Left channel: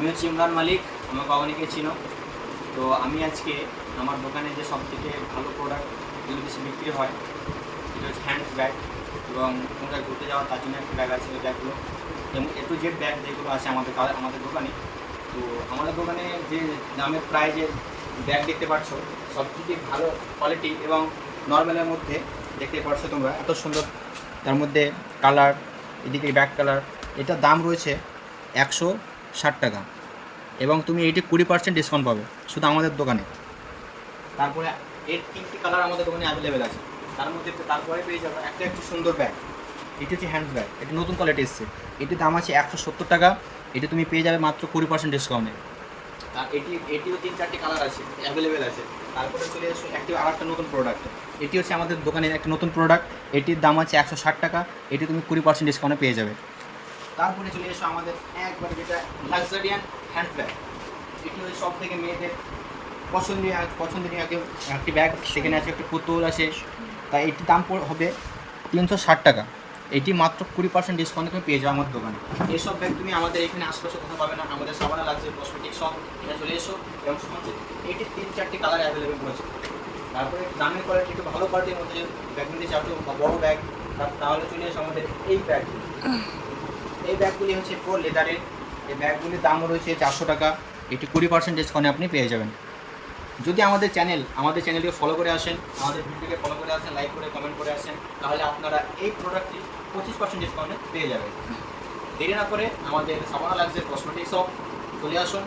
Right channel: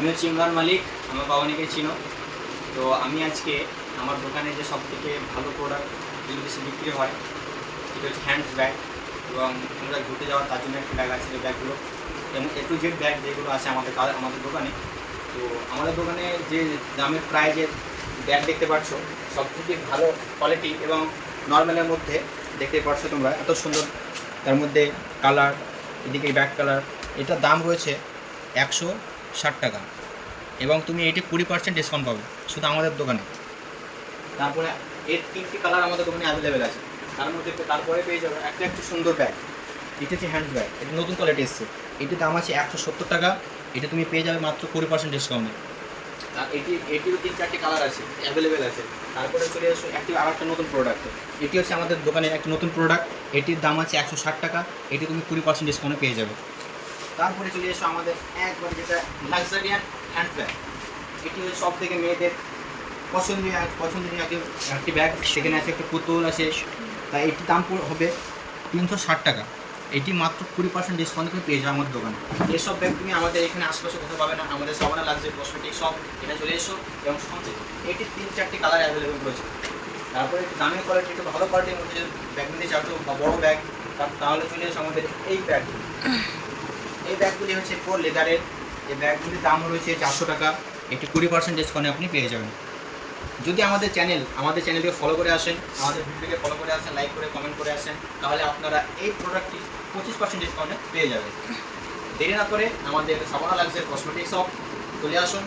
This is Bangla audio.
আমি হচ্ছে ইমরান মালিক, আমার বাবানিকে চিনো। তো আমি আজকে আমার দোকানে যে সবথেকে ভালো প্রোডাক্ট যেগুলো বেশি বিক্রি হয় সেটা হচ্ছে হ্যান্ডস ব্যাগ, এবং তোমরা ঘুরতে যাওয়ার তার জন্য একটা ব্যাগ আছে। এই ব্যাগগুলো যেমন A to Z ব্যাগ যেগুলো আছে আমাদের দোকানে। তো আমাদের দোকানে যে দামের প্রাইজের ব্যাগ দেখতে পাচ্ছ সবথেকে ভালো কোয়ালিটি এবং নর্মালের মধ্যে দেখতে পাচ্ছ তোমরা, এত সুন্দর। তার মধ্যে কালার, এদিকে ব্যাক কালার, এটার দাম রয়েছে 160 টাকা, এবং তুমি এটি 20% ডিসকাউন্ট পাবে শুধু আমাদের দোকানে। তারপরে এর 3টি কালার আমাদের দোকানে অ্যাভেলেবেল আছে। তারপরে পেয়ে যাবে একটা সুন্দর ব্যাগ। এটি হচ্ছে হ্যান্ড ব্যাগ, এটা নতুন কোয়ালিটি এসছে। এটির দাম আছে 170 টাকা, এটি তুমি পেয়ে যাবে মাত্র 20% ডিসকাউন্টে। আর এটিরও 3-4টি কালার আছে, অ্যাভেলেবেল আছে। তারপরে চলে এসো আরেকটা নতুন প্রোডাক্ট। এটি হচ্ছে আমাদের দোকানের একটা নতুন প্রোডাক্ট, এটির দাম আছে 160 টাকা, এটি তুমি 20% ডিসকাউন্টে পেয়ে যাবে। তারপরে চলে এসো আমাদের একবার যেটা লাক্সারিয়ান হ্যান্ড ব্যাগ। এটি হচ্ছে সব থেকে মেয়েদের পছন্দনীয় একটি ব্যাগ। সেখানে আছে একটা পুতুল আছে, তাই এটির দাম হবে 360 টাকা, এটি মাত্র 20% ডিসকাউন্টে তুমি পেয়ে যাও আমার দোকানে। এসব ব্যাগ তুমি আমাদের এখানে আশেপাশে কোথাও পাবে না। আমাদের সাবানা লাক্সারি কসমেটিক শপ, এটা চলে এসো। এবং সঙ্গে এটির 3-4টি কালার অ্যাভেলেবেল রয়েছে। তারপরে একটু দামের কোয়ালিটি, একটু ভালো কোয়ালিটির মধ্যে যদি ব্যাগ নিতে চাও তো বড়ো ব্যাগ, তাহলে চলে এসো আমাদের এই ব্যাগগুলি। এই ব্যাগগুলি হচ্ছে পুরো লেদারের। এই ব্যাগগুলির দাম রয়েছে 400 টাকা, এটি 20% ডিসকাউন্টে আপনি পেয়ে যাবেন। যদি আমাদের চ্যানেলকে ফলো করে আসেন, আমাদের ভিডিওকে ফলো করে আসেন, লাইক করে কমেন্ট করে আসেন, তাহলে আপনারা এই প্রোডাক্টটি 25% ডিসকাউন্টে পেয়ে যাবেন। দেরি না করে আমাদের সাবানা লাক্সারি কসমেটিক শপ চলে আসুন।